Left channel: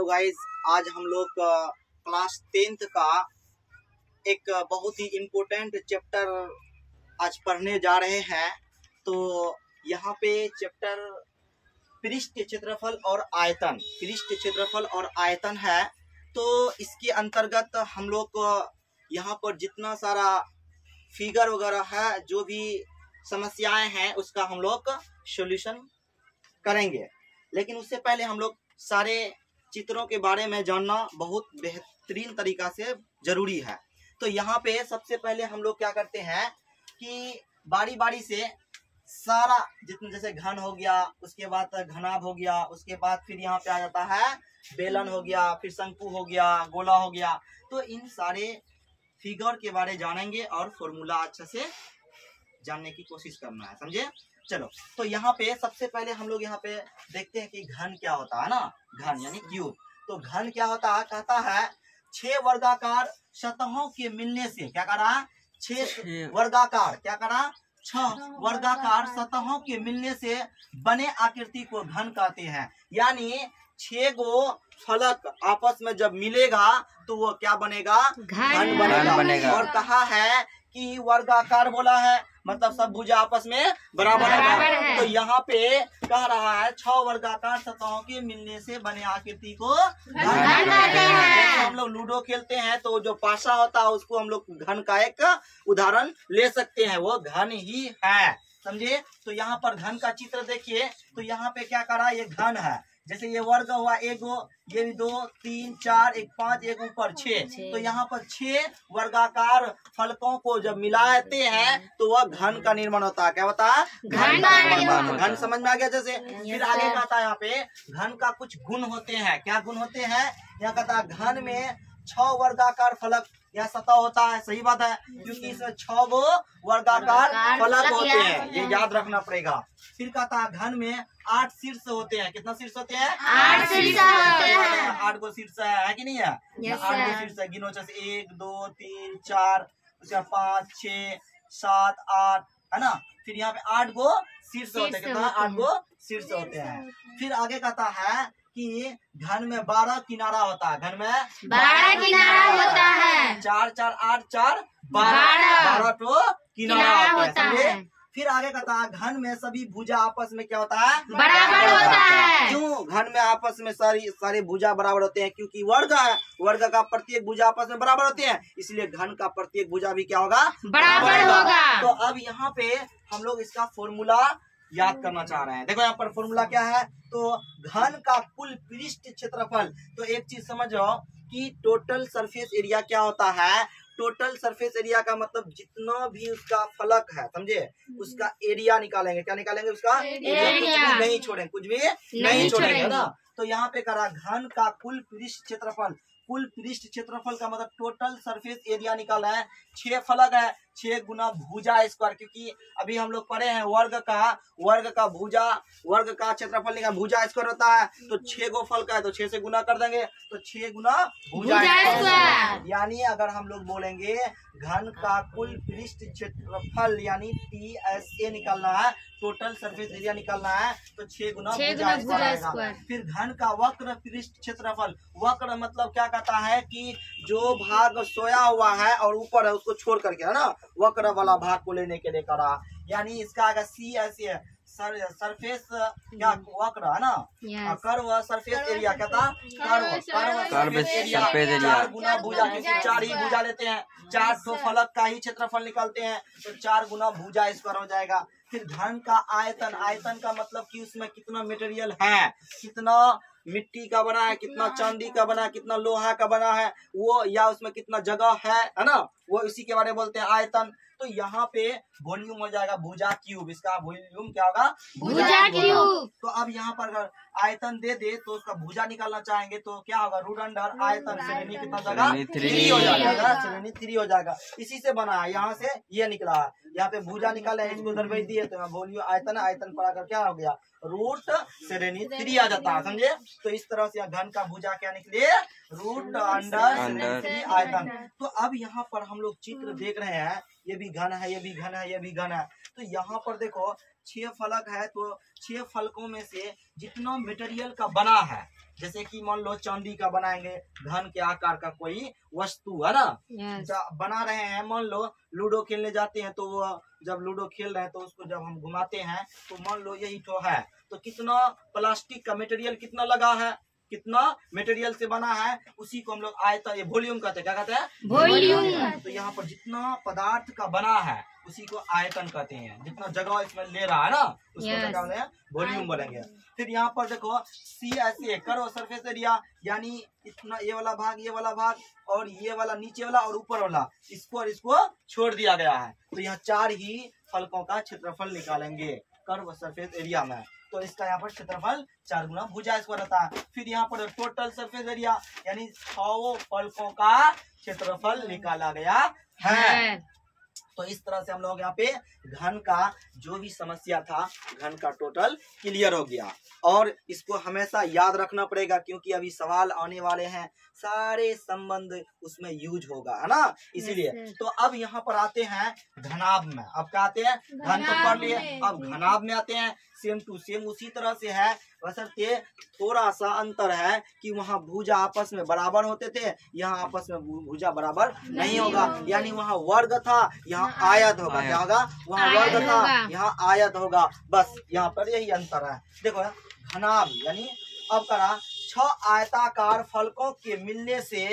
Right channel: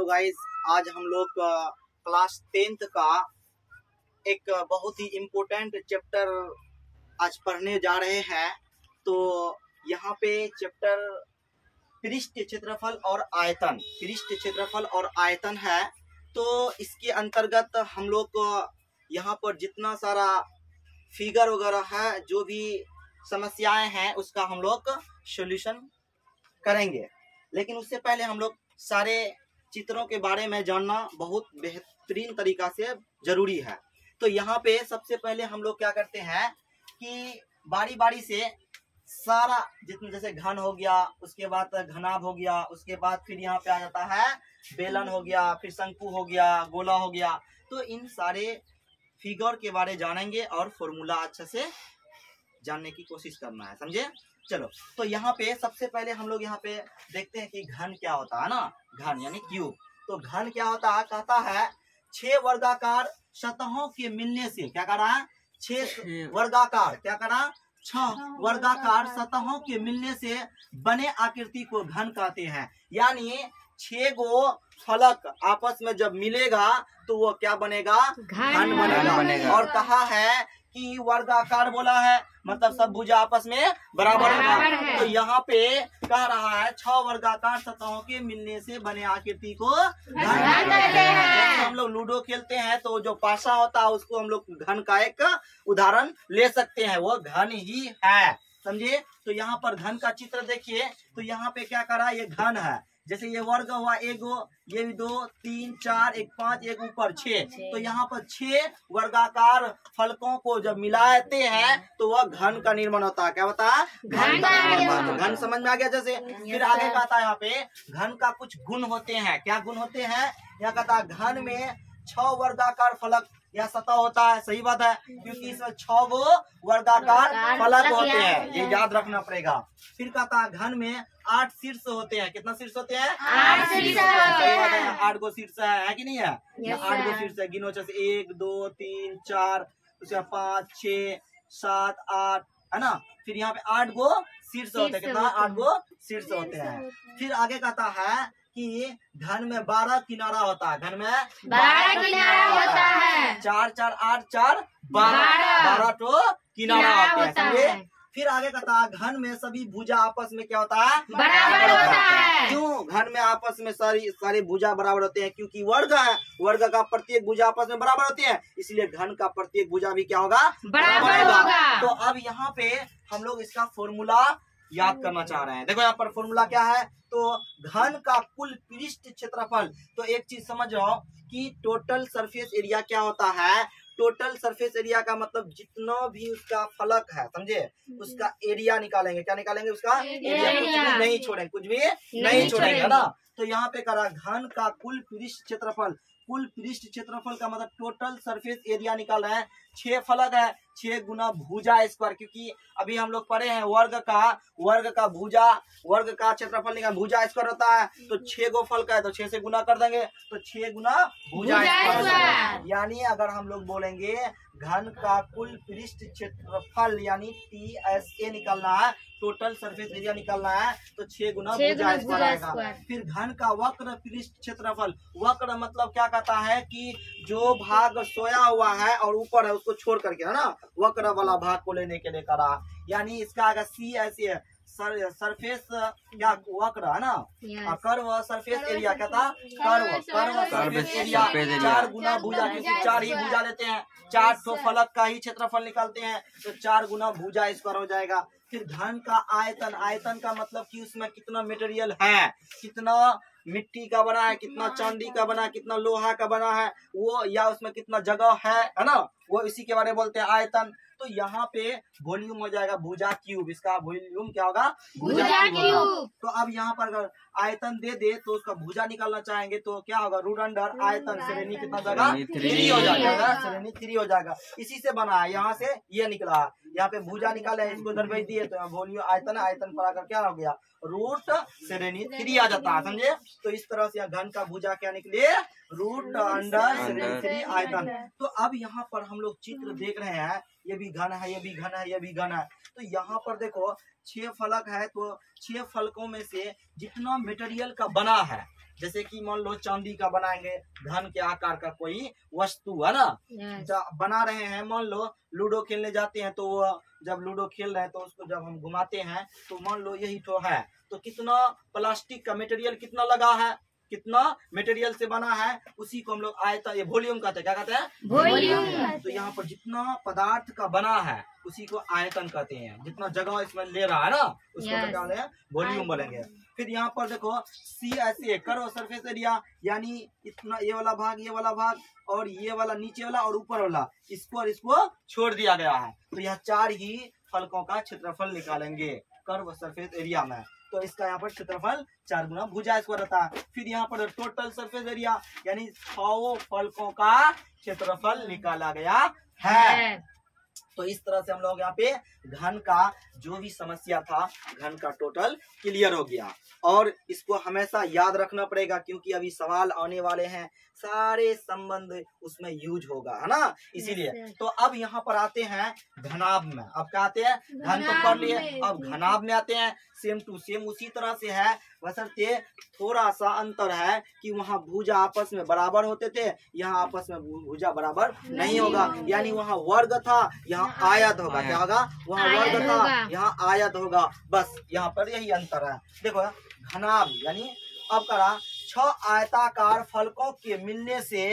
Hello guys, आज हम लोग क्लास 10th का एक बहुत ही इम्पोर्टेंट चैप्टर आज पढ़ने जा रहे हैं। तो यहाँ पे चैप्टर पृष्ठ क्षेत्रफल और आयतन, पृष्ठ क्षेत्रफल और आयतन है। तो इसके अंतर्गत हम लोग यहाँ पर जितना सारा फिगर वगैरह है, जो भी समस्याएं हैं, उसका हम लोग सॉल्यूशन करेंगे। लेकिन उससे पहले हम लोग सारे चित्रों के बारे में जानना बहुत बेहतरीन तरीका से जरूरी है। तो यहाँ पे सबसे पहले हम लोग क्या करते हैं कि बारी बारी से सारा जितना, जैसे घन हो गया, उसके बाद घनाभ हो गया, उसके बाद फिर यहाँ पे आ जाता है बेलन हो गया, फिर शंकु हो गया, गोला हो गया। तो इन सारे फिगर के बारे जानेंगे और फॉर्मूला अच्छे से जानने की कोशिश करना है, समझे। चलो, तो यहाँ पे सबसे पहले हम लोग यहाँ पे देखते हैं कि घन क्या होता है ना। घन यानी क्यूब। तो घन क्या होता है, कहता है 6 वर्गाकार सतहों के मिलने से, क्या करा, 6 वर्गाकार, क्या करा, 6 वर्गाकार सतहों के मिलने से बने आकृति को घन कहते हैं। यानी 6 गो फलक आपस में जब मिलेगा तो वो क्या बनेगा, घन बनेगा। और कहा है कि वर्गाकार बोला है, मतलब सब भुजा आपस में बराबर होगा। तो यहाँ पे कह रहा है 6 वर्गाकार सतहों के मिलने से बने आकृति को घन कहते हैं। हम लोग लूडो खेलते हैं तो जो पासा होता है उसको हम लोग घन का एक उदाहरण ले सकते हैं, वो घन ही है, समझे। तो यहाँ पर घन का चित्र देखिए। तो यहाँ पे क्या करा, ये घन है। जैसे ये वर्ग हुआ, एक गो, ये भी 2, 3, 4, एक 5, एक ऊपर 6। तो यहाँ पर 6 वर्गाकार फलकों को जब मिलाते हैं तो वह घन का निर्माण होता है। क्या होता है, घन का निर्माण होता है। घन समझ में आ गया। जैसे फिर आगे कहता है यहाँ पे घन का कुछ गुण होते हैं। क्या गुण होते हैं, यहाँ कहता है घन में 6 वर्गाकार फलक या सतह होता है। सही बात है, क्योंकि इसमें 6 गो वर्गाकार फलक होते हैं, ये याद रखना पड़ेगा। फिर कहता है घन में 8 शीर्ष होते हैं। कितना शीर्ष होते हैं, 8 शीर्ष। 8 गो शीर्ष है कि नहीं है, 8 गो शीर्ष है। गिनो, जैसे 1, 2, 3, 4, उसके 5, 6, 7, 8, है ना। फिर यहाँ पे 8 गो शीर्ष होते हैं। कितना, 8 गो शीर्ष होते हैं। फिर आगे कहता है कि घन में 12 किनारा होता है। घन में 12 किनारा होता है। 4, 4, 8, 4, 12 तो किनारा होता है। फिर आगे कहता है घन में सभी भुजा आपस में क्या होता है, बराबर होता है। क्यों घन में आपस में सारी भुजा बराबर होते हैं, क्योंकि वर्ग है, वर्ग का प्रत्येक भुजा आपस में बराबर होती है, इसलिए घन का प्रत्येक भुजा भी क्या होगा, बराबर होगा। तो अब यहाँ पे हम लोग इसका फॉर्मूला याद करना चाह रहे हैं। देखो यहाँ पर फॉर्मूला क्या है, तो घन का कुल पृष्ठ क्षेत्रफल। तो एक चीज समझ जाओ कि टोटल सरफेस एरिया क्या होता है। टोटल सरफेस एरिया का मतलब जितना भी उसका फलक है, समझे, उसका एरिया निकालेंगे। क्या निकालेंगे, उसका एरिया। कुछ भी नहीं छोड़ेंगे, कुछ भी नहीं छोड़ेंगे, है ना। तो यहाँ पे करा घन का कुल पृष्ठ क्षेत्रफल। कुल पृष्ठ क्षेत्रफल का मतलब टोटल सरफेस एरिया निकाल रहे हैं। 6 फलक है, 6 गुना भुजा स्क्वायर, क्योंकि अभी हम लोग पढ़े हैं वर्ग का भुजा, वर्ग का क्षेत्रफल निकाल भुजा स्क्वायर होता है। तो 6 गो फलक है तो 6 से गुना कर देंगे, तो 6 गुना भुजा स्क्वायर। यानी अगर हम लोग बोलेंगे घन का कुल पृष्ठ क्षेत्रफल यानी TSA निकालना है, टोटल सरफेस एरिया निकालना है, तो 6 गुना भुजा स्क्वायर आएगा। फिर घन का वक्र पृष्ठ क्षेत्रफल। वक्र मतलब क्या कहता है कि जो भाग सोया हुआ है और ऊपर है उसको छोड़ करके, है ना, वक्र वाला भाग को लेने के लिए करा। यानी इसका अगर CSA सरफेस क्या वक्र है ना, कर्व सरफेस एरिया कहता, कर्व सरफेस एरिया 4 गुना भुजा, क्योंकि 4 ही भुजा लेते हैं, 4 तो फलक का ही क्षेत्रफल निकालते हैं, तो 4 गुना भुजा स्क्वायर हो जाएगा। फिर घन का आयतन। आयतन का मतलब कि उसमें कितना मटेरियल है, कितना मिट्टी का बना है, कितना चांदी का बना है, कितना लोहा का बना है वो, या उसमें कितना जगह है ना, वो इसी के बारे में बोलते हैं आयतन। तो यहाँ पे वॉल्यूम हो जाएगा भुजा क्यूब। इसका वॉल्यूम क्या होगा, भुजा क्यूब। तो अब यहाँ पर अगर आयतन दे दे तो उसका भुजा निकालना चाहेंगे तो क्या होगा, रूट अंडर आयतन श्रेणी कितना जाएगा, 3 हो जाएगा, श्रेणी 3 हो जाएगा। इसी से बना है, यहाँ से ये निकला है, यहाँ पे भुजा निकाले, इसको इधर भेज दिए तो यहाँ वॉल्यूम आयतन, आयतन पर आकर क्या हो गया, रूट श्रेणी 3 आ जाता है, समझे। तो इस तरह से घन का भुजा क्या निकले, रूट अंडर श्रेणी 3 आयतन। तो अब यहाँ पर हम लोग चित्र देख रहे हैं, ये भी घन है, ये भी घन है, ये भी घन है। तो यहाँ पर देखो 6 फलक है, तो 6 फलकों में से जितना मटेरियल का बना है, जैसे कि मान लो चांदी का बनाएंगे घन के आकार का कोई वस्तु, है ना, बना रहे हैं। मान लो लूडो खेलने जाते हैं, तो वो जब लूडो खेल रहे हैं तो उसको जब हम घुमाते हैं तो मान लो यही तो है, तो कितना प्लास्टिक का मटेरियल कितना लगा है, कितना मटेरियल से बना है, उसी को हम लोग आयतन, ये वॉल्यूम कहते हैं। क्या कहते हैं? वॉल्यूम। तो यहाँ पर जितना पदार्थ का बना है उसी को आयतन कहते हैं। जितना जगह इसमें ले रहा है ना उसको क्या बोलेंगे? वॉल्यूम बोलेंगे। फिर यहाँ पर देखो CSA कर्व सरफेस एरिया, यानी इतना ये वाला भाग और ये वाला नीचे वाला और ऊपर वाला, इसको और इसको छोड़ दिया गया है। तो यह 4 ही फलकों का क्षेत्रफल निकालेंगे कर्व सरफेस एरिया में। तो इसका यहाँ पर क्षेत्रफल 4 गुना भुजा इसको रहता है। फिर यहाँ पर टोटल सरफेस एरिया, यानी 100 फलकों का क्षेत्रफल निकाला गया है। तो इस तरह से हम लोग यहाँ पे घन का जो भी समस्या था, घन का टोटल क्लियर हो गया। और इसको हमेशा याद रखना पड़ेगा, क्योंकि अभी सवाल आने वाले हैं, सारे संबंध उसमें यूज होगा, है ना, इसीलिए। तो अब यहाँ पर आते हैं घनाभ में। अब क्या आते हैं? घन तो कर लिए, अब घनाभ में आते हैं। सेम टू सेम उसी तरह से है, बशर्ते थोड़ा सा अंतर है कि वहाँ भुजा आपस में बराबर होते थे, यहाँ आपस में भुजा बराबर नहीं होगा। यानी वहाँ वर्ग था, यहाँ आयत होगा। क्या होगा? वहाँ वर्ग था, यहाँ आयत होगा। बस यहाँ पर यही अंतर है। देखो घनाभ यानी अब करा 6 आयताकार फलकों के मिलने से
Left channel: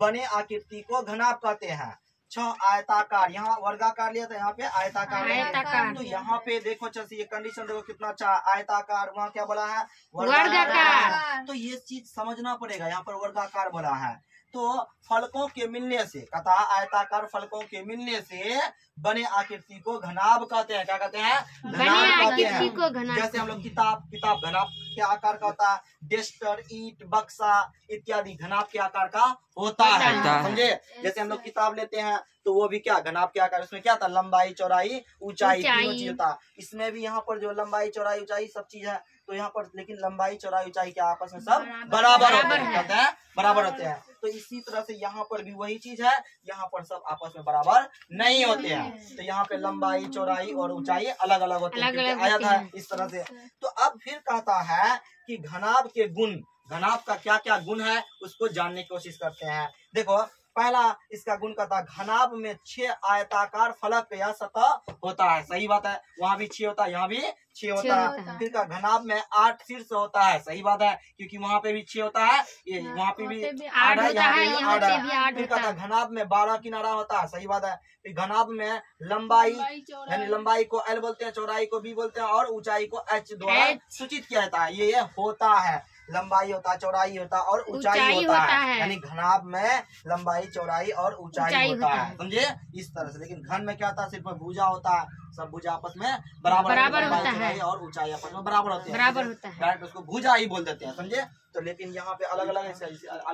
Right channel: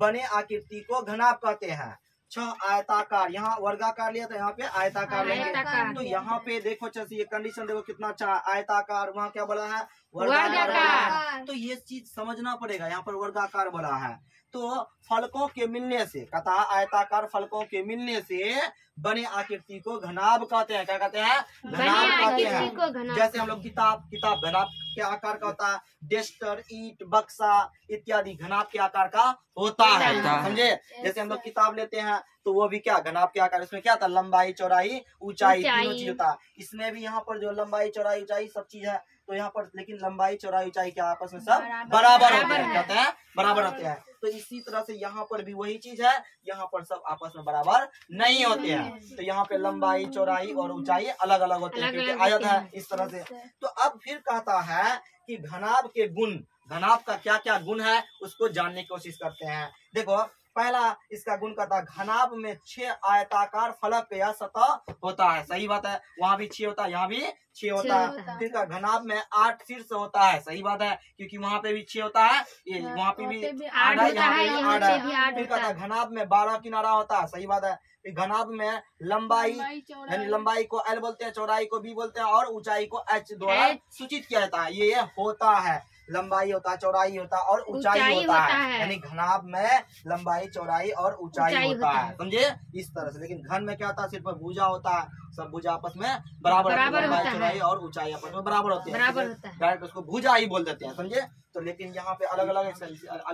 बने आकृति को घनाभ कहते हैं। 6 आयताकार, यहाँ वर्गाकार लिया था, यहाँ पे आयताकार लेंगे। तो यहाँ पे देखो अच्छा ये कंडीशन देखो कितना अच्छा, आयताकार, वहाँ क्या बोला है? वर्गाकार। तो ये चीज समझना पड़ेगा, यहाँ पर वर्गाकार बोला है। तो फलकों के मिलने से, कथा आयताकार फलकों के मिलने से बने आकृति को घनाभ कहते हैं। क्या कहते हैं? घनाभ कहते हैं। जैसे हम लोग किताब घनाभ के आकार का होता है, डेस्टर, ईंट, बक्सा इत्यादि घनाभ के आकार का होता है, समझे। जैसे हम लोग किताब लेते हैं तो वो भी क्या घनाभ के आकार, उसमें क्या था? लंबाई, चौड़ाई, ऊंचाई, तीनों चीज होता है। इसमें भी यहाँ पर जो लंबाई, चौड़ाई, ऊंचाई सब चीज है, तो यहाँ पर लेकिन लंबाई, चौड़ाई, ऊंचाई के आपस में सब बराबर होते हैं। कहते हैं बराबर होते हैं। तो इसी तरह से यहाँ पर भी वही चीज है, यहाँ पर सब आपस में बराबर नहीं होते हैं। तो यहाँ पे लंबाई, चौड़ाई और ऊंचाई अलग अलग होते हैं, क्योंकि आयत है इस तरह से। तो अब फिर कहता है कि घनाभ के गुण, घनाभ का क्या क्या गुण है उसको जानने की कोशिश करते हैं। देखो पहला इसका गुण कहता है घनाभ में 6 आयताकार फलक या सतह होता है। सही बात है, वहाँ भी 6 होता है, यहाँ भी 6 होता है। फिर का घनाभ में 8 शीर्ष होता है। सही बात है, क्योंकि वहाँ पे भी 6 होता है, ये वहाँ पे भी 8 है, यहाँ पे भी 8 है। फिर कहता है घनाभ में 12 किनारा होता है। सही बात है। फिर घनाभ में लंबाई, यानी लंबाई को L बोलते हैं, चौड़ाई को B बोलते हैं और ऊंचाई को H द्वारा सूचित किया जाता है। ये होता है, लंबाई होता है, चौड़ाई होता है और ऊंचाई होता है। यानी घनाभ में लंबाई, चौड़ाई और ऊंचाई होता है, समझे, इस तरह से। लेकिन घन में क्या होता है? सिर्फ भुजा होता है, सब भुजा आपस में बराबर, लंबाई, चौड़ाई और ऊंचाई आपस में बराबर होते हैं, डायरेक्ट उसको भुजा ही बोल देते हैं, समझे। तो लेकिन यहाँ पे अलग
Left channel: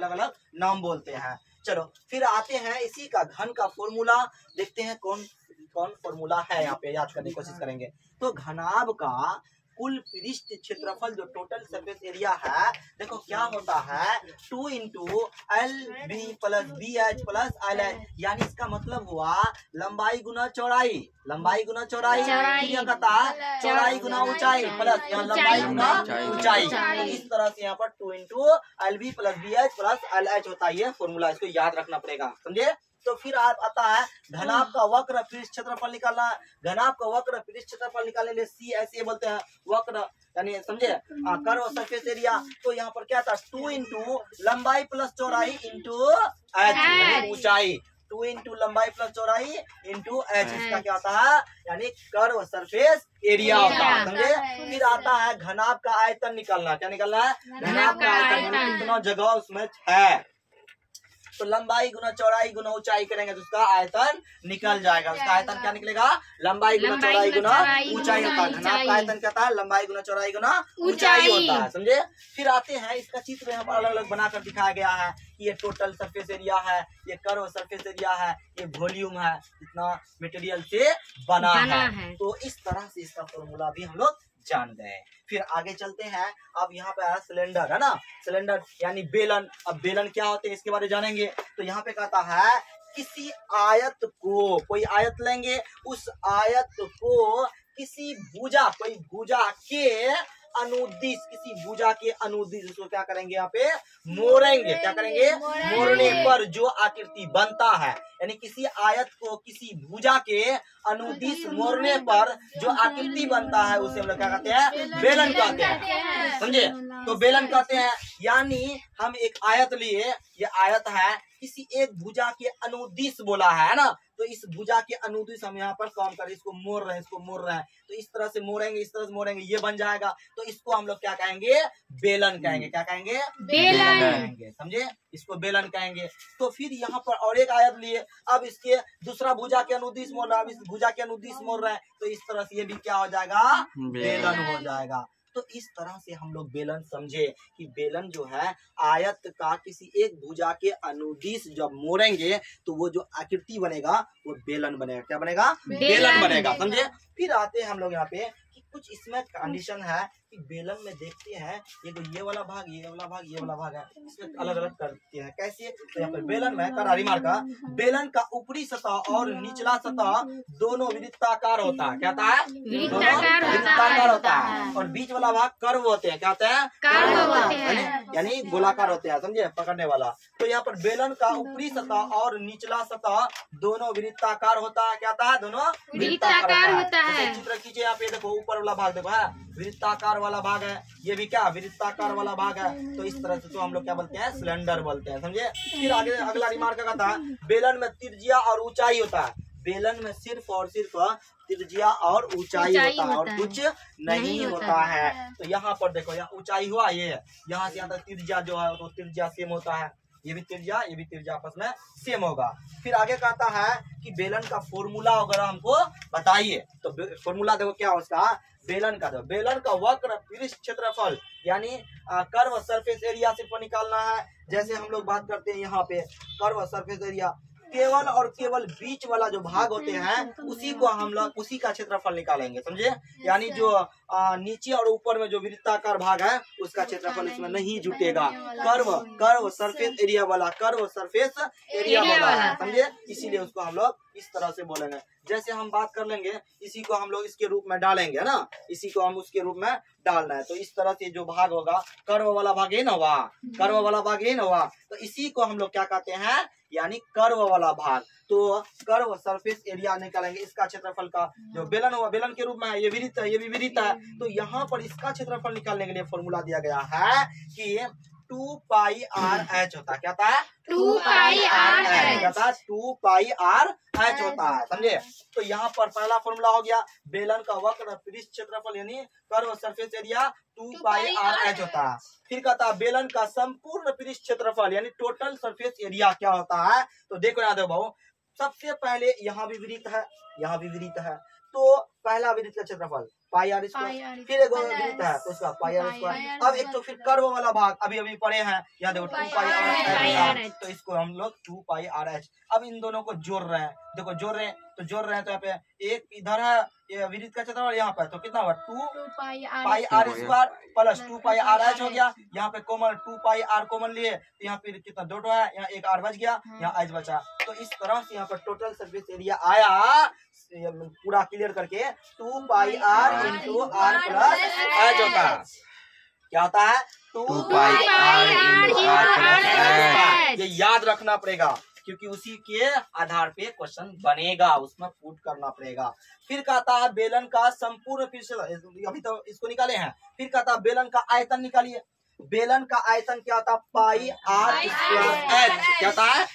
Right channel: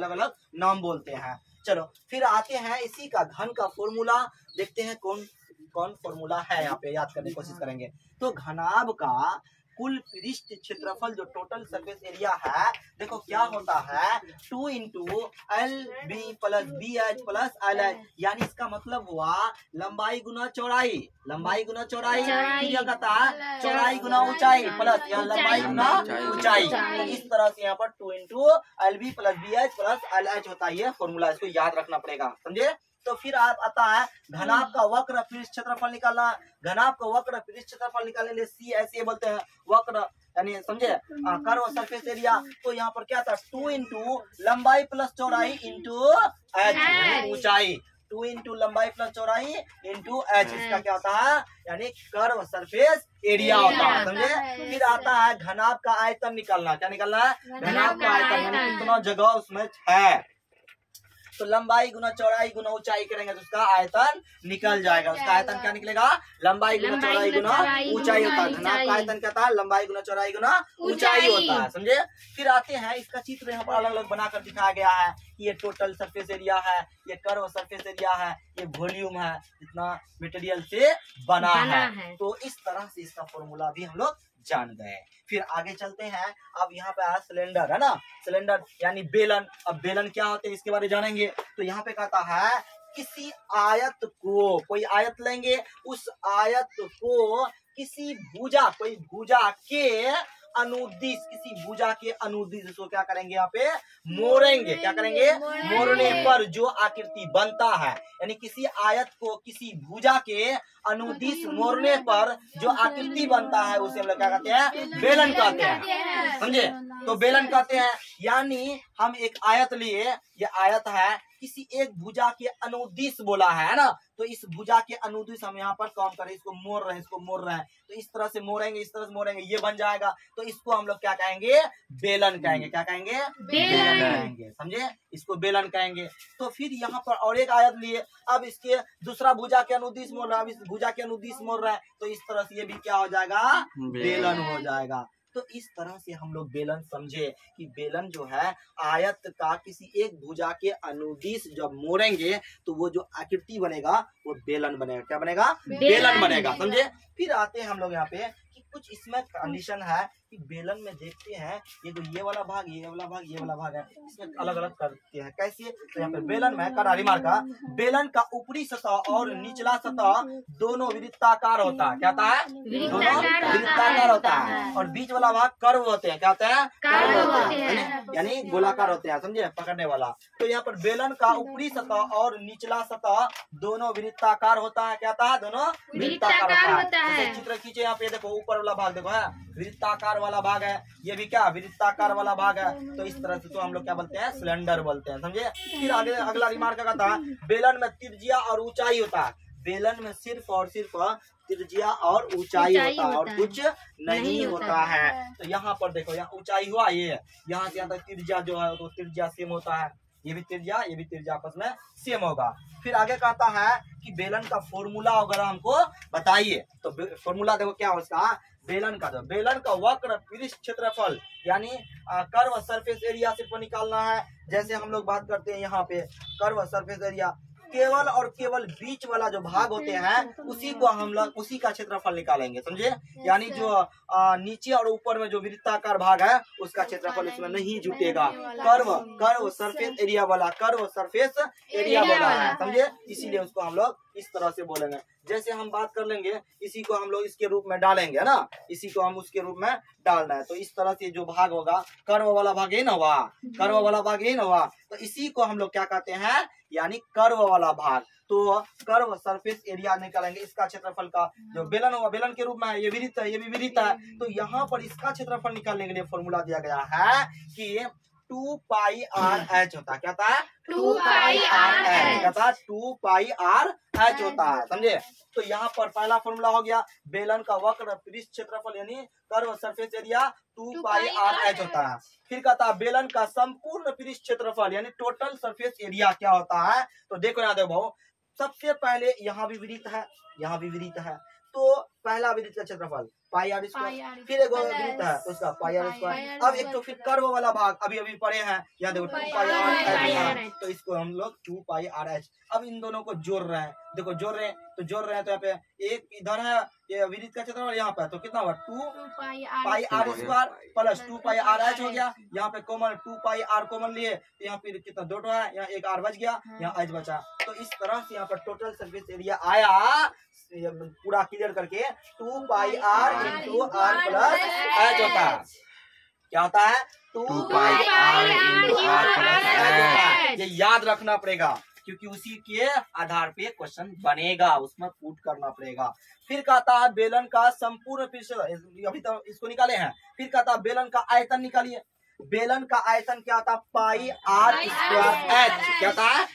अलग नाम बोलते हैं। चलो फिर आते हैं इसी का घन का फॉर्मूला, देखते हैं कौन कौन फॉर्मूला है, यहाँ पे याद करने की कोशिश करेंगे। तो घनाभ का कुल पृष्ठ क्षेत्रफल जो टोटल सरफेस एरिया है, देखो क्या होता है? 2 × LB + BH + LH, यानी इसका मतलब हुआ लंबाई गुना चौड़ाई, लंबाई गुना चौड़ाई, फिर यह कहता है चौड़ाई गुना ऊंचाई प्लस यहाँ लंबाई गुना ऊंचाई। तो इस तरह से यहाँ पर 2 × LB + BH + LH होता है। ये फॉर्मूला इसको याद रखना पड़ेगा, समझे। तो फिर आता है घनाभ का वक्र पृष्ठ क्षेत्रफल निकालना। घनाभ का वक्र पृष्ठ क्षेत्रफल निकालने के लिए CSA बोलते हैं, वक्र यानी समझे, कर्व सरफेस एरिया। तो यहाँ पर क्या था? 2 × लंबाई प्लस चौड़ाई × H, ऊंचाई। 2 × लंबाई प्लस चौड़ाई × H, इसका क्या होता है? यानी कर्व सरफेस एरिया होता है, समझे। फिर आता है घनाभ का आयतन निकालना। क्या निकालना है? घनाभ का आयतन, यानी कितना जगह उसमें है। तो लंबाई गुना चौड़ाई गुना ऊंचाई करेंगे तो उसका आयतन निकल जाएगा। उसका आयतन क्या निकलेगा? लंबाई गुना चौड़ाई गुना ऊंचाई होता है। घनाभ का आयतन क्या था? लंबाई गुना चौड़ाई गुना ऊंचाई होता है, समझे। फिर आते हैं, इसका चित्र यहाँ पर अलग अलग बनाकर दिखाया गया है। ये टोटल सरफेस एरिया है, ये कर्व सरफेस एरिया है, ये वॉल्यूम है, जितना मटेरियल से बना है। तो इस तरह से इसका फॉर्मूला भी हम लोग जान गए। फिर आगे चलते हैं। अब यहाँ पे आया सिलेंडर, है ना, सिलेंडर यानी बेलन। अब बेलन क्या होते हैं इसके बारे में जानेंगे। तो यहाँ पे कहता है किसी आयत को, कोई आयत लेंगे, उस आयत को किसी भुजा, कोई भुजा के अनुदिश, किसी भुजा के अनुदिश, उसको क्या करेंगे यहाँ पे मोड़ेंगे। क्या करेंगे? मोड़ने पर जो आकृति बनता है, यानी किसी आयत को किसी भुजा के अनुदिश मोड़ने पर जो आकृति बनता है उसे हम लोग क्या कहते हैं? बेलन कहते हैं। समझे? तो बेलन कहते हैं। यानी हम एक आयत लिए, ये आयत है, किसी एक भुजा के अनुदिश बोला है ना, तो इस भुजा के अनुदिश हम यहाँ पर काम कर रहे हैं, इसको मोड़ रहे हैं, इसको मोड़ रहे हैं, तो इस तरह से मोड़ेंगे, इस तरह से मोड़ेंगे, ये बन जाएगा। तो इसको हम लोग क्या कहेंगे? बेलन कहेंगे। क्या कहेंगे? बेलन कहेंगे। समझे? इसको बेलन कहेंगे। तो फिर यहाँ पर और एक आयत लिए, अब इसके दूसरा भुजा के अनुदिश मोड़ रहा है, अब इस भुजा के अनुदिश मोड़ रहा है, तो इस तरह से ये भी क्या हो जाएगा? बेलन हो जाएगा। तो इस तरह से हम लोग बेलन समझे कि बेलन जो है आयत का किसी एक भुजा के अनुदिश जब मोड़ेंगे तो वो जो आकृति बनेगा वो बेलन बनेगा। क्या बनेगा? बेलन बनेगा। समझे? फिर आते हैं हम लोग यहाँ पे कि कुछ इसमें कंडीशन है कि बेलन में देखते हैं ये वाला भाग, ये वाला भाग, ये वाला भाग है, इसमें अलग अलग करते हैं। कैसे? तो यहाँ पे बेलन में करा रिमार्क, बेलन का ऊपरी सतह और निचला सतह दोनों वृत्ताकार होता है। क्या होता है? दोनों वृत्ताकार होता है। और बीच वाला भाग कर्व होते हैं। क्या होते हैं? कर्व होते हैं, यानी गोलाकार होते हैं। समझे? पकड़ने वाला। तो यहाँ पर बेलन का ऊपरी सतह और निचला सतह दोनों वृत्ताकार होता है। क्या होता है? दोनों वृत्ताकार होता है। चित्र खींचे, यहाँ पे देखो ऊपर वाला भाग देखो है वृत्ताकार वाला भाग है, ये भी क्या वृत्ताकार वाला भाग है। तो इस तरह से तो हम लोग क्या बोलते हैं? सिलेंडर बोलते हैं। समझे? फिर आगे अगला रिमार्क कहता है बेलन में त्रिज्या और ऊंचाई होता है। बेलन में सिर्फ और सिर्फ त्रिज्या और ऊंचाई होता है और कुछ नहीं होता है। तो यहाँ पर देखो, यहाँ ऊंचाई हुआ, ये यहाँ से यहाँ तक त्रिज्या जो है तो त्रिज्या सेम होता है, ये भी त्रिज्या, ये भी त्रिज्या आपस में सेम होगा। फिर आगे कहता है कि बेलन का फॉर्मूला अगर हमको बताइए, तो फॉर्मूला देखो क्या हो उसका? बेलन का, तो बेलन का वक्र पृष्ठ क्षेत्रफल यानी कर्व सरफेस एरिया सिर्फ निकालना है। जैसे हम लोग बात करते हैं यहाँ पे कर्व सरफेस एरिया, केवल और केवल बीच वाला जो भाग होते हैं उसी को हम लोग उसी का क्षेत्रफल निकालेंगे। समझे? यानी जो नीचे और ऊपर में जो वृत्ताकार भाग है उसका क्षेत्रफल इसमें नहीं जुटेगा। कर्व सरफेस एरिया वाला, कर्व सरफेस एरिया वाला है। समझे? इसीलिए उसको हम लोग इस तरह से बोलेंगे। जैसे हम बात कर लेंगे, इसी को हम लोग इसके रूप में डालेंगे ना, इसी को हम उसके रूप में डालना है। तो इस तरह से जो भाग होगा, कर्व वाला भाग ये ना हुआ, कर्व वाला भाग ये ना हुआ, तो इसी को हम लोग क्या कहते हैं? यानी कर्व वाला भाग। तो कर्व सरफेस एरिया निकालेंगे, इसका क्षेत्रफल का जो बेलन होगा, बेलन के रूप में है, ये वृत्त है, ये भी वृत्त है। तो यहाँ पर इसका क्षेत्रफल निकालने के लिए फॉर्मूला दिया गया है कि 2 पाई आर एच होता है। क्या होता है? 2 पाई आर एच। क्या होता है? 2 पाई आर एच होता है। समझे? तो यहाँ पर पहला फॉर्मूला हो गया बेलन का वक्र पृष्ठ क्षेत्रफल यानी curve surface area 2 pi R H होता है। फिर कहता है बेलन का संपूर्ण पृष्ठ क्षेत्रफल यानी टोटल सरफेस एरिया क्या होता है? तो देखो यहाँ देखो भाऊ, सबसे पहले यहाँ भी वृत्त है, यहाँ भी वृत्त है, तो पहला वृत्त का क्षेत्रफल पाई आर स्क्वायर, फिर एक वृत्त है उसका पाई आर स्क्वायर। अब एक तो फिर कर्व वाला भाग अभी अभी पढ़े हैं, यहाँ देखो 2 पाई आर एच, तो इसको हम लोग 2 पाई आर एच। अब इन दोनों को जोड़ रहे हैं, देखो जोड़ रहे हैं तो यहाँ पे एक इधर है ये वृत्त का क्षेत्रफल, यहाँ पे तो कितना हुआ 2 pi R square plus 2 pi R H हो गया। यहाँ पे कॉमन 2 पाई आर कॉमन लिए, तो यहाँ पे कितना डॉट है, यहाँ एक आर बच गया, यहाँ एच बचा। तो इस तरह से यहाँ पर टोटल सरफेस एरिया आया पूरा क्लियर करके 2 pi R into R plus H होता है। क्या होता है? 2 pi R into R plus H होता है। ये याद रखना पड़ेगा क्योंकि उसी के आधार पे क्वेश्चन बनेगा, उसमें पुट करना पड़ेगा। फिर कहता है बेलन का संपूर्ण पृष्ठ, अभी तो इसको निकाले हैं। फिर कहता है बेलन का आयतन निकालिए। बेलन का आयतन क्या होता है? पाई आर स्क्वायर एच। क्या होता है?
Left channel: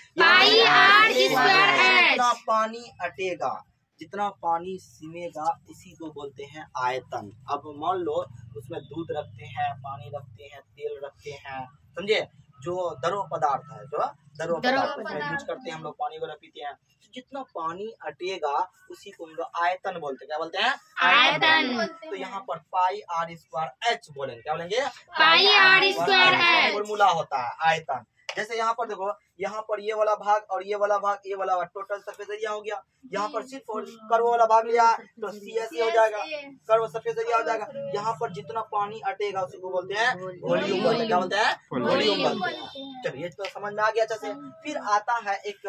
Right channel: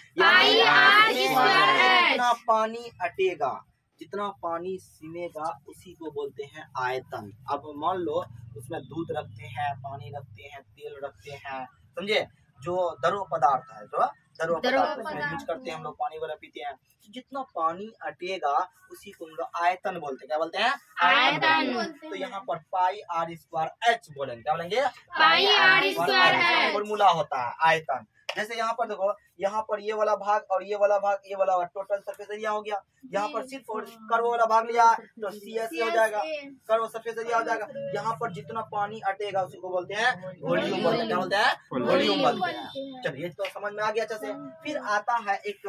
जितना पानी अटेगा, जितना पानी सिमेगा उसी को बोलते हैं आयतन। अब मान लो उसमें दूध रखते हैं, पानी रखते हैं, तेल रखते हैं, समझे, जो द्रव पदार्थ है, जो द्रव पदार्थ उसमें यूज करते हैं हम लोग, पानी वगैरह पीते हैं। तो जितना पानी अटेगा उसी को हम लोग आयतन बोलते हैं। क्या बोलते हैं? आयतन। तो यहाँ पर पाई आर स्क्वायर एच बोलेंगे। क्या बोलेंगे? पाई आर स्क्वायर फॉर्मूला होता है आयतन। जैसे यहाँ पर देखो, यहाँ पर ये वाला भाग और ये वाला भाग, ये वाला टोटल सरफेस एरिया हो गया। यहाँ पर सिर्फ कर्व वाला भाग लिया तो CSE हो जाएगा, कर्व सरफेस एरिया हो जाएगा। यहाँ पर जितना पानी अटेगा उसी को बोलते हैं वॉल्यूम बोलते हैं। क्या बोलते हैं? वॉल्यूम बोलते हैं। चलिए तो समझ में आ गया अच्छे से। फिर आता है एक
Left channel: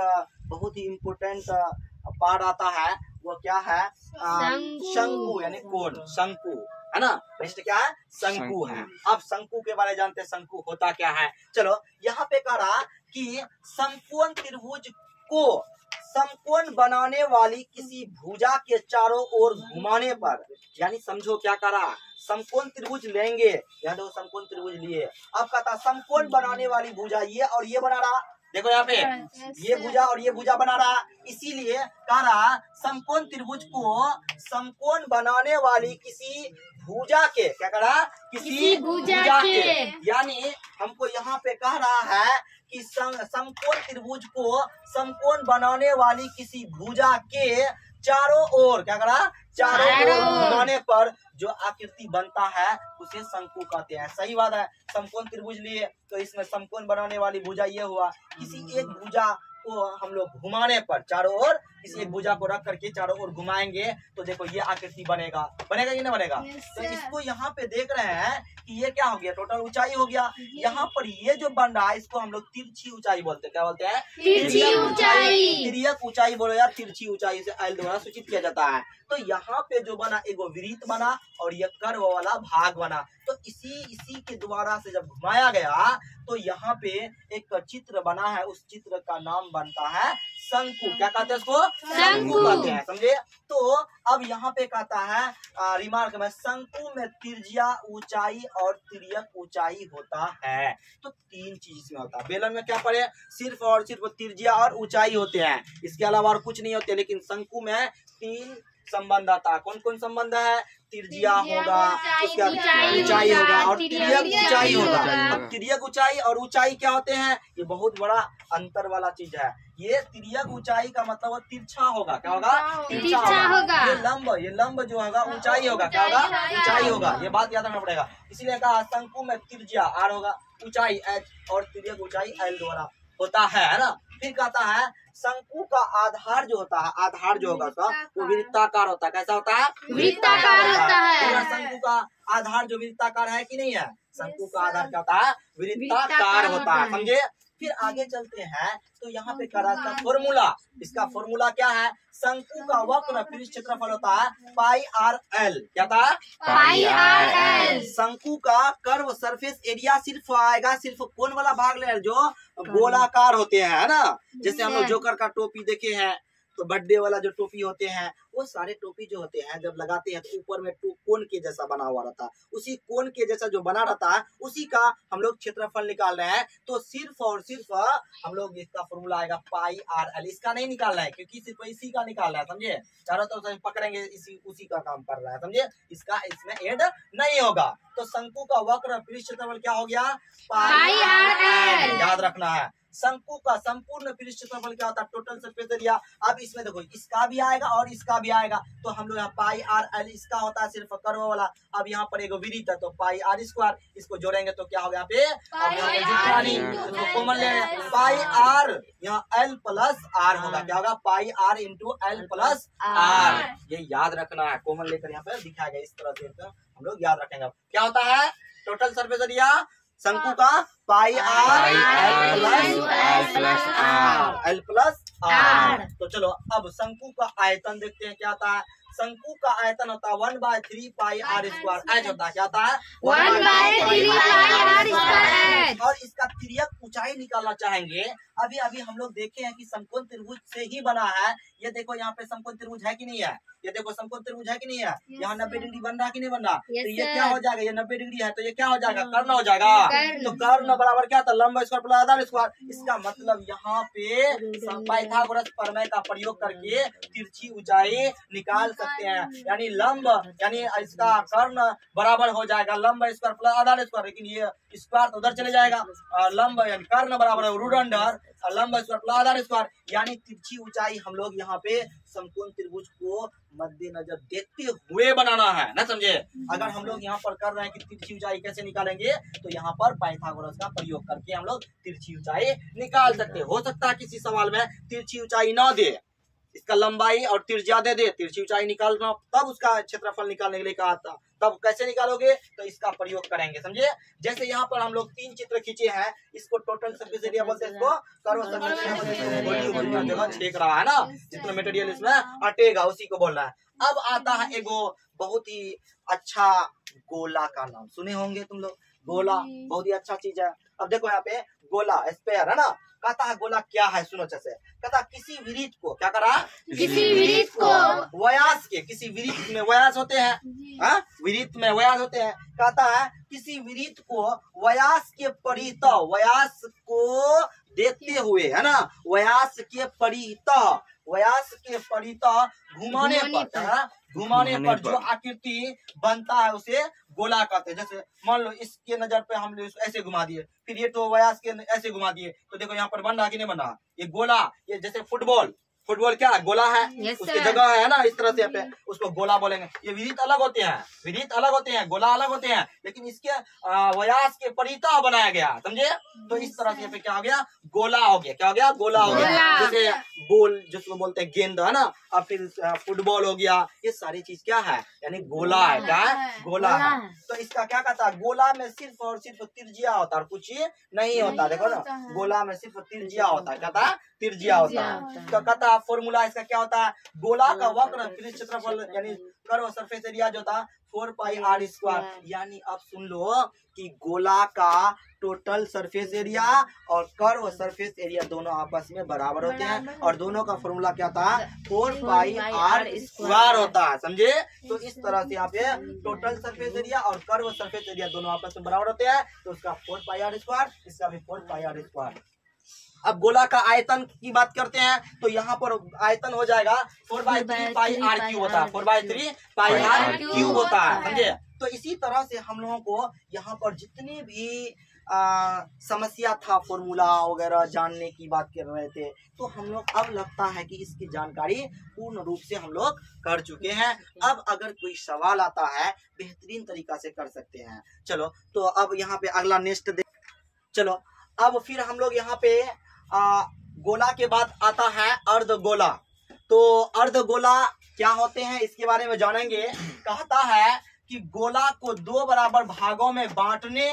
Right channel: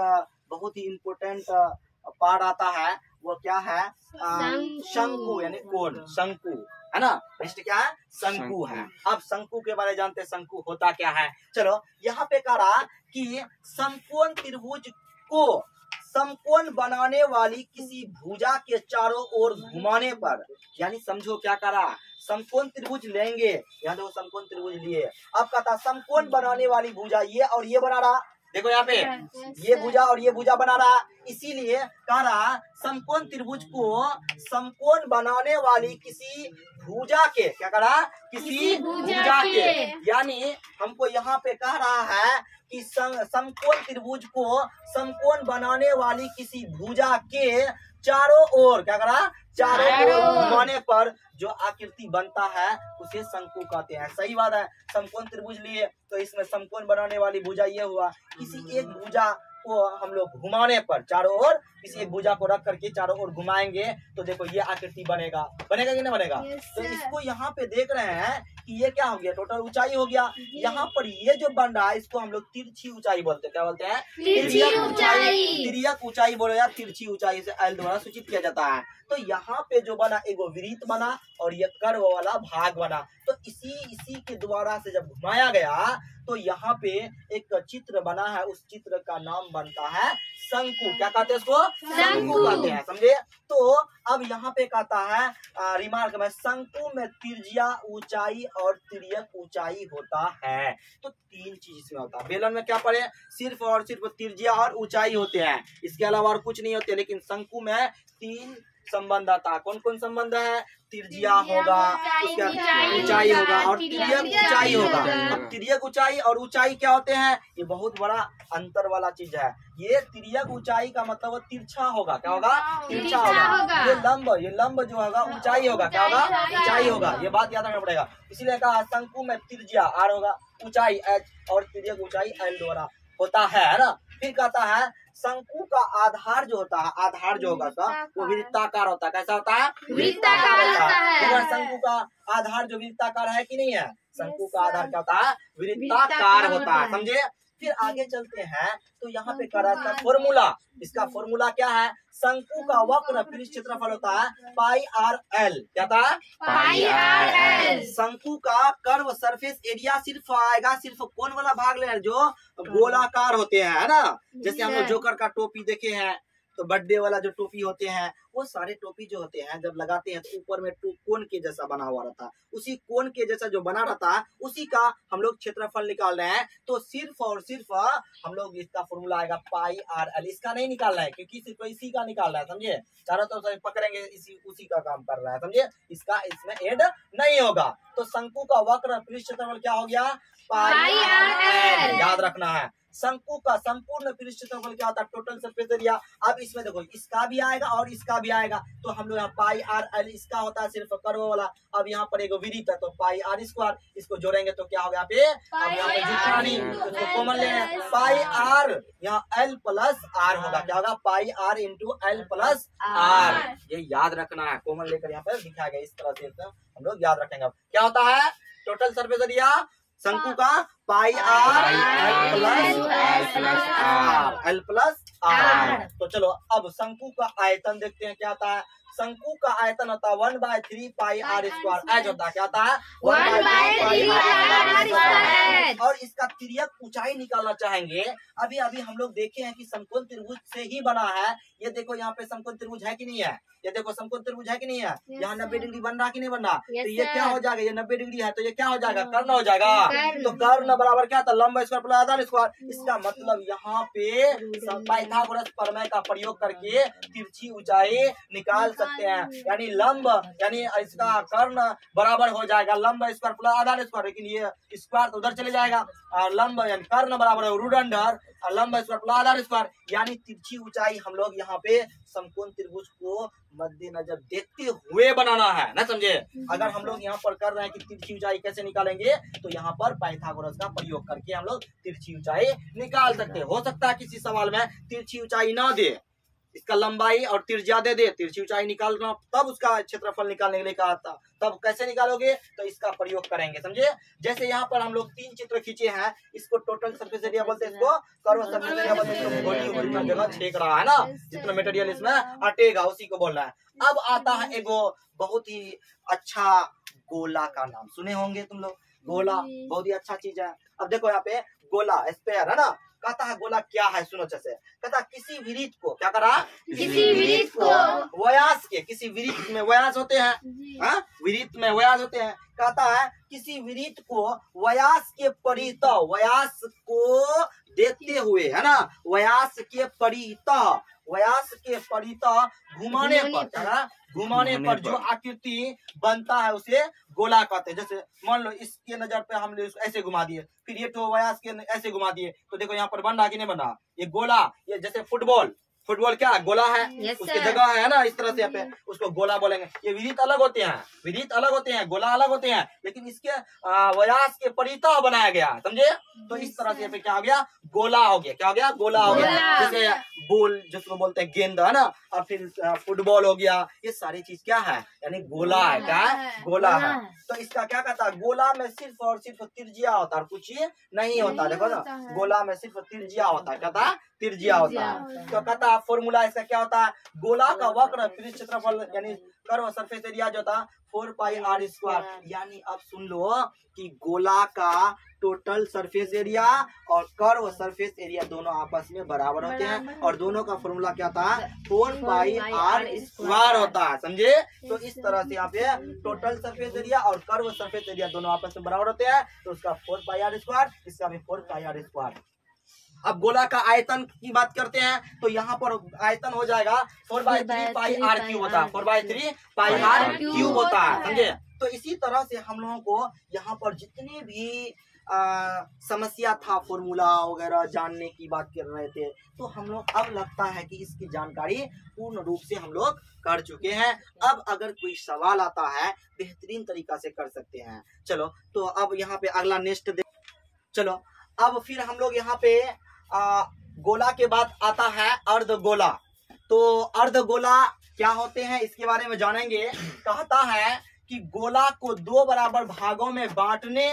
बहुत ही इम्पोर्टेंट पार्ट आता है, वो क्या है? शंकु यानी कोण। शंकु है ना। पृष्ठ क्या है, शंकु है। अब शंकु के बारे में जानते हैं, शंकु होता क्या है। चलो यहाँ पे कह रहा कि समकोण त्रिभुज को समकोण बनाने वाली किसी भुजा के चारों ओर घुमाने पर, यानी समझो क्या कह रहा, समकोण त्रिभुज लेंगे, यहाँ देखो समकोण त्रिभुज लिए, अब कहता समकोण बनाने वाली भुजा ये और ये बना रहा, देखो यहाँ पे ये भुजा और ये भुजा बना रहा, इसीलिए कह रहा समकोण त्रिभुज को समकोण बनाने वाली किसी भुजा के, क्या कह रहा, किसी भुजा के, यानी हमको यहाँ पे कह रहा है कि समकोण त्रिभुज को समकोण बनाने वाली किसी भुजा के चारों ओर, क्या करा, चारों ओर घुमाने पर जो आकृति बनता है उसे शंकु कहते हैं। सही बात है, समकोण त्रिभुज लिए तो इसमें समकोण बनाने वाली भुजा ये हुआ, किसी एक भुजा को हम लोग घुमाने पर चारों ओर, किसी एक भुजा को रख करके चारों ओर घुमाएंगे तो देखो ये आकृति बनेगा, बनेगा कि नहीं बनेगा। तो इसको यहाँ पे देख रहे हैं कि ये क्या हो गया, टोटल ऊंचाई हो गया। यहाँ पर ये जो बन रहा है इसको हम लोग तिरछी ऊंचाई बोलते हैं, क्या बोलते हैं, तिर्यक ऊंचाई। तिर्यक ऊंचाई बोलो या तिरछी ऊंचाई से एल द्वारा सूचित किया जाता है। तो यहाँ पे जो बना एगो वृत्त बना और ये कर्व वाला भाग बना, तो इसी के द्वारा से जब घुमाया गया तो यहाँ पे एक चित्र बना है, उस चित्र का नाम बनता है शंकु। क्या कहते हैं उसको, शंकु कहते हैं, समझे। तो अब यहाँ पे कहता है रिमार्क में, शंकु में त्रिज्या ऊंचाई और तिर्यक ऊंचाई होता है। तो तीन चीज इसमें होता है। बेलन में क्या पढ़े, सिर्फ और सिर्फ त्रिज्या और ऊंचाई होते हैं, इसके अलावा और कुछ नहीं होते। लेकिन शंकु में तीन संबंध आता है। कौन कौन संबंध है, तिर्ज्या होगा, उसके बाद ऊंचाई होगा और तिर्यक ऊंचाई होगा। अब तिर्यक ऊंचाई और ऊंचाई क्या होते हैं, ये बहुत बड़ा अंतर वाला चीज है। ये तिर्यक ऊंचाई का मतलब तिरछा होगा, क्या होगा, तिरछा होगा। ये लंब जो होगा ऊंचाई होगा, क्या होगा, ऊंचाई होगा। ये बात याद रखना पड़ेगा। इसीलिए कहा शंकु में तिर्ज्या आर होगा, ऊंचाई एच और तिर्यक ऊंचाई एल द्वारा होता है ना। फिर कहता है शंकु का आधार जो होता है, आधार जो होगा उसका वो वृत्ताकार होता है। कैसा होता है, वृत्ताकार होता है। शंकु का आधार जो वृत्ताकार है कि नहीं है, शंकु का आधार क्या होता है, वृत्ताकार होता है, समझे। फिर आगे चलते हैं तो यहाँ पे करा था फॉर्मूला। इसका फॉर्मूला क्या है, शंकु का वक्र पृष्ठ क्षेत्रफल होता है पाई आर एल, क्या था, पाई आर एल। शंकु का कर्व सरफेस एरिया सिर्फ आएगा, सिर्फ कौन वाला भाग ले जो गोलाकार होते हैं, है ना। जैसे हम लोग जोकर का टोपी देखे हैं, तो बर्थडे वाला जो टोपी होते हैं वो सारे टोपी जो होते हैं जब लगाते हैं तो ऊपर में कोन के जैसा बना हुआ रहता है, उसी कोन के जैसा जो बना रहता है उसी का हम लोग क्षेत्रफल निकाल रहे हैं। तो सिर्फ और सिर्फ हम लोग इसका फॉर्मूला आएगा पाई आर एल। इसका नहीं निकालना है क्योंकि सिर्फ इसी का निकालना है, समझे। चारों तरफ पकड़ेंगे उसी का काम कर रहा है, समझे। इसका इसमें ऐड नहीं होगा। तो शंकु का वक्र पृष्ठ क्षेत्रफल क्या हो गया, पाई आर एल, याद रखना है। शंकु का संपूर्ण पृष्ठ क्षेत्रफल क्या होता है, टोटल सरफेस एरिया। अब इसमें देखो इसका भी आएगा और इसका भी आएगा, तो हम लोग यहाँ पाई आर एल, इसका होता है सिर्फ कर्व वाला। अब यहाँ पर एक वृत्त है तो पाई आर स्क्वायर, इसको जोड़ेंगे तो क्या होगा यहाँ पे, अब यहाँ पे जुटना नहीं, इसको कॉमन ले, पाई आर यहाँ एल प्लस आर होगा, क्या होगा, pi R into L plus R. ये याद रखना है, कॉमन लेकर यहाँ पे दिखाया गया, इस तरह से हम लोग याद रखेंगे। क्या होता है टोटल सरफेस एरिया शंकु का, पाई आर एल प्लस आर। तो चलो अब शंकु का आयतन देखते हैं क्या आता है। शंकु का आयतन होता है 1/3 पाई आर स्क्वायर। एच होता है क्या होता है, 1/3 पाई आर स्क्वायर। और इसका तिर्यक ऊंचाई निकालना चाहेंगे। अभी अभी हम लोग देखे हैं कि समकोण त्रिभुज से ही बना है। ये देखो यहाँ पे समकोण त्रिभुज है कि नहीं है, ये देखो समकोण त्रिभुज है कि नहीं है, यहाँ 90 डिग्री बन रहा कि नहीं बन रहा। तो ये क्या हो जाएगा, ये 90 डिग्री है तो ये क्या हो जाएगा, कर्ण हो जाएगा। तो कर्ण बराबर क्या था, लंब स्क्वायर प्लस आधार स्क्वायर। इसका मतलब यहाँ पे पाइथागोरस प्रमेय का प्रयोग करके तिरछी ऊंचाई निकाल सकते हैं। यानी लंब यानी इसका कर्ण बराबर हो जाएगा लंब स्क्वायर प्लस आधार स्क्वायर, लेकिन ये स्क्वायर तो उधर चले जाएगा। लंब यानी कर्ण बराबर है रूट अंडर लंब स्क्वायर प्लस आधार स्क्वायर। यानी तिरछी ऊंचाई हम लोग यहाँ पे समकोण त्रिभुज को मद्देनजर देखते हुए बनाना है ना, समझे। अगर हम लोग यहाँ पर कर रहे हैं कि तिरछी ऊंचाई कैसे निकालेंगे, तो यहाँ पर पाइथागोरस का प्रयोग करके हम लोग तिरछी ऊंचाई निकाल सकते हैं। हो सकता है किसी सवाल में तिरछी ऊंचाई ना दे, इसका लंबाई और त्रिज्या दे दे, तिरछी ऊंचाई निकालना, तब उसका क्षेत्रफल निकालने के लिए कहा था। तब कैसे निकालोगे, तो इसका प्रयोग करेंगे, समझे। जैसे यहाँ पर हम लोग 3 चित्र खींचे हैं, इसको टोटल सरफेस एरिया बोलते हैं, इसको कर्व सरफेस एरिया बोलते हैं। इसको गोली गोली जगह छेक रहा है ना, जितना मटेरियल इसमें अटेगा उसी को बोल रहा है। अब आता है एगो बहुत ही अच्छा गोला का नाम सुने होंगे तुम लोग। गोला बहुत ही अच्छा चीज है। अब देखो यहाँ पे गोला स्पेयर है ना, कहता है गोला क्या है, सुनो अच्छे से। कहता किसी वृत्त को क्या करा, किसी वृत्त को व्यास के, किसी वृत्त में व्यास होते हैं, वृत्त में व्यास होते हैं। कहता है किसी वृत्त को व्यास के परितः, व्यास को देखते हुए है ना, व्यास के परितः घुमाने पर, घुमाने पर जो आकृति बनता है उसे गोला कहते हैं। जैसे मान लो इसके नजर पे हम ऐसे घुमा दिए, फिर ये तो व्यास के ऐसे घुमा दिए, तो देखो यहाँ पर बन रहा कि नहीं बन रहा, ये गोला। ये जैसे फुटबॉल क्या है, गोला है, उसकी जगह है ना इस तरह से, यहाँ पे उसको गोला बोलेंगे। ये वृत्त अलग होते हैं, वृत्त अलग होते हैं, गोला अलग होते हैं, लेकिन इसके व्यास के परितः बनाया गया, समझे। तो इस तरह से यहाँ पे क्या हो गया, गोला हो गया। क्या हो गया, गोला हो गया। जैसे बॉल जिसको बोलते हैं गेंद है ना, और फिर फुटबॉल हो गया, ये सारी चीज क्या है, यानी गोला है। क्या है, गोला है। तो इसका क्या कहता है, गोला में सिर्फ और सिर्फ त्रिज्या होता है, कुछ नहीं होता। देखो ना, गोला में सिर्फ त्रिज्या होता है, कहता है त्रिज्या होता है। तो कहता है फॉर्मूला इसका क्या होता है, गोला का वक्र पृष्ठ क्षेत्रफल यानी कर्व सरफेस एरिया जो था 4πr²। यानी अब सुन लो कि गोला का टोटल सरफेस एरिया और कर्व सरफेस एरिया दोनों आपस में बराबर होते हैं, और दोनों का फॉर्मूला क्या था, 4πr² होता है, समझे। तो इस तरह से यहाँ पे टोटल सरफेस एरिया और कर्व सरफेस एरिया दोनों आपस में बराबर होते हैं, तो उसका 4πr², इसका भी 4πr²। अब गोला का आयतन की बात करते हैं, तो यहाँ पर आयतन हो जाएगा 4/3πr³ होता है, 4/3πr³ होता है, समझे। तो इसी तरह से हम लोगों को यहाँ पर जितने भी समस्या था, फॉर्मूला वगैरह जानने की बात कर रहे थे, तो हम लोग अब लगता है कि इसकी जानकारी पूर्ण रूप से हम लोग कर चुके हैं। अब अगर कोई सवाल आता है, बेहतरीन तरीका से कर सकते हैं। चलो, तो अब यहाँ पे अगला नेक्स्ट चलो, अब फिर हम लोग यहाँ पे गोला के बाद आता है अर्धगोला। तो अर्धगोला क्या होते हैं, इसके बारे में जानेंगे। कहता है कि गोला को 2 बराबर भागों में बांटने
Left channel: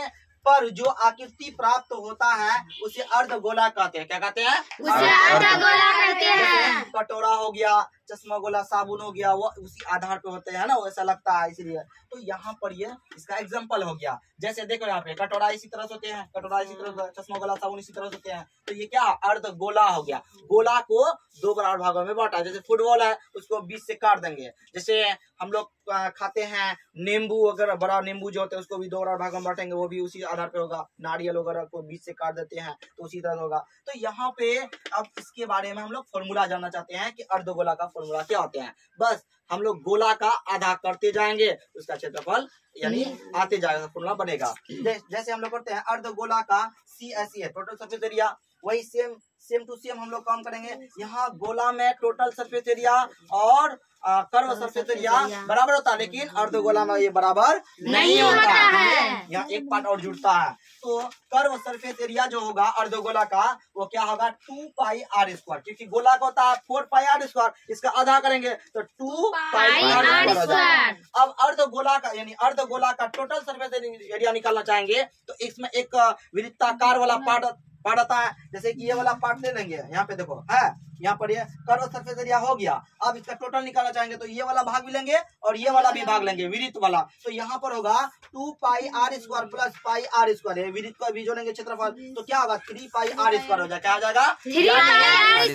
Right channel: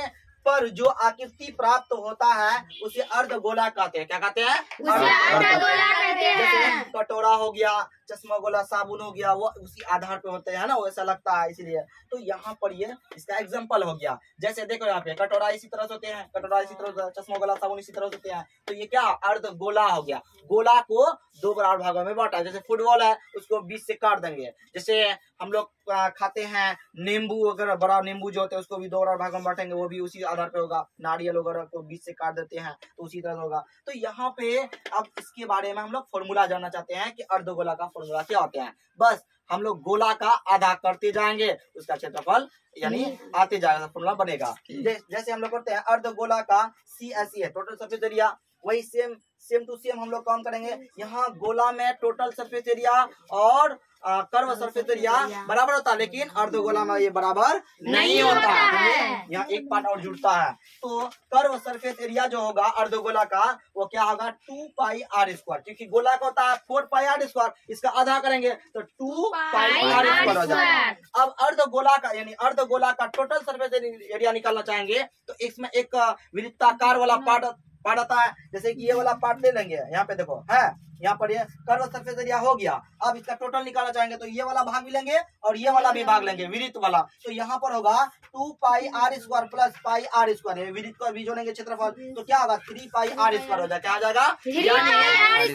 पर जो आकृति प्राप्त होता है उसे अर्धगोला कहते हैं। क्या कहते हैं, अर्धगोला कहते हैं। कटोरा हो गया, चश्मा गोला, साबुन हो गया, वो उसी आधार पे होते हैं ना, वैसा लगता है इसलिए। तो यहाँ पर ये इसका एग्जांपल हो गया। जैसे देखो यहाँ पे कटोरा इसी तरह से होते हैं, कटोरा इसी तरह से, चश्मा गोला, साबुन इसी तरह से होते हैं। तो ये क्या, अर्धगोला हो गया। गोला को 2 बराबर भागों में बांटा। जैसे फुटबॉल है, उसको 20 से काट देंगे। जैसे हम लोग खाते हैं नींबू वगैरह, बड़ा नींबू जो होते हैं उसको भी 2 बराबर भागों में बांटेंगे, वो भी उसी आधार पे होगा। नारियल वगैरह को 20 से काट देते हैं तो उसी तरह होगा। तो यहाँ पे अब इसके बारे में हम लोग फॉर्मूला जानना चाहते हैं कि अर्धगोला का फॉर्मूला क्या होते हैं। बस हम लोग गोला का आधा करते जाएंगे, उसका क्षेत्रफल यानी आते जाएगा, फॉर्मूला बनेगा। जैसे हम लोग करते हैं अर्धगोला का CSE है, टोटल सरफेस एरिया, वही सेम टू सेम हम लोग काम करेंगे। यहाँ गोला में टोटल सरफेस एरिया और कर्व सरफेस एरिया बराबर होता है, लेकिन अर्धगोला में ये बराबर नहीं होता है। यहाँ एक पार्ट और जुड़ता है। तो कर्व सरफेस एरिया जो होगा अर्धगोला का, वो क्या होगा, 2πr², क्योंकि गोला का होता है 4πr², इसका आधा करेंगे तो 2πr² हो जाएगा। अब अर्धगोला का यानी अर्धगोला का टोटल सरफेस एरिया निकालना चाहेंगे, तो इसमें एक वृत्ताकार वाला पार्ट आता है। जैसे कि ये वाला पार्ट ले लेंगे, यहाँ पे देखो है, यहाँ पर ये कर्व सरफेस एरिया हो गया। अब इसका टोटल निकालना चाहेंगे तो ये वाला भाग भी लेंगे और ये वाला भी भाग लेंगे, वृत्त वाला। तो यहाँ पर होगा 2πr² प्लस πr², वृत्त को भी जोड़ेंगे क्षेत्रफल, तो क्या होगा, 3πr² हो जाएगा। क्या आ जाएगा,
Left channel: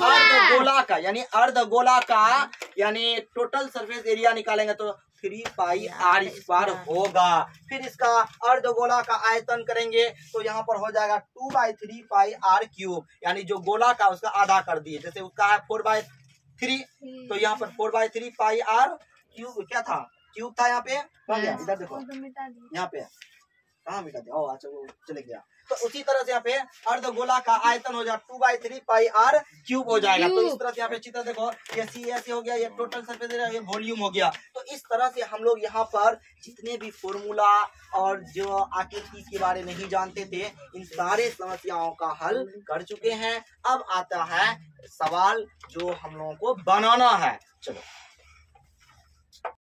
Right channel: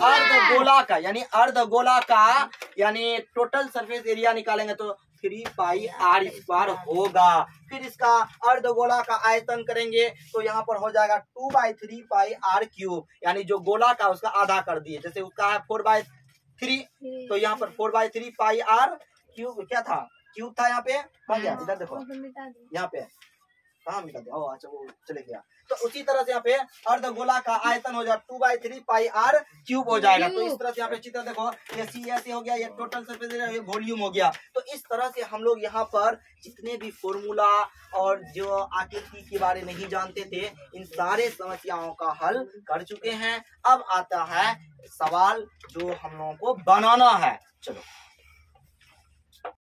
अर्धगोला का यानी अर्धगोला का यानी टोटल सरफेस एरिया निकालेंगे तो 3πr² होगा। फिर इसका अर्धगोला का आयतन करेंगे तो यहाँ पर हो जाएगा 2/3πr³, यानी जो गोला का उसका आधा कर दिए। जैसे उसका है 4/3, तो यहाँ पर 4/3πr³ क्या था, क्यूब था, यहाँ पे बन गया। इधर देखो, यहाँ पे कहाँ मिटा दिया, अच्छा वो चले गया। तो उसी तरह से यहाँ पे अर्धगोला का आयतन हो जाए 2/3 पाई r क्यूब हो जाएगा। तो इस तरह से यहाँ पे चित्र देखो, ये सी ऐसे हो गया, ये टोटल सरफेस एरिया, ये वॉल्यूम हो गया। तो इस तरह से हम लोग यहाँ पर जितने भी फॉर्मूला और जो आकृति के बारे में नहीं जानते थे, इन सारे समस्याओं का हल कर चुके हैं। अब आता है सवाल जो हम लोगों को बनाना है। चलो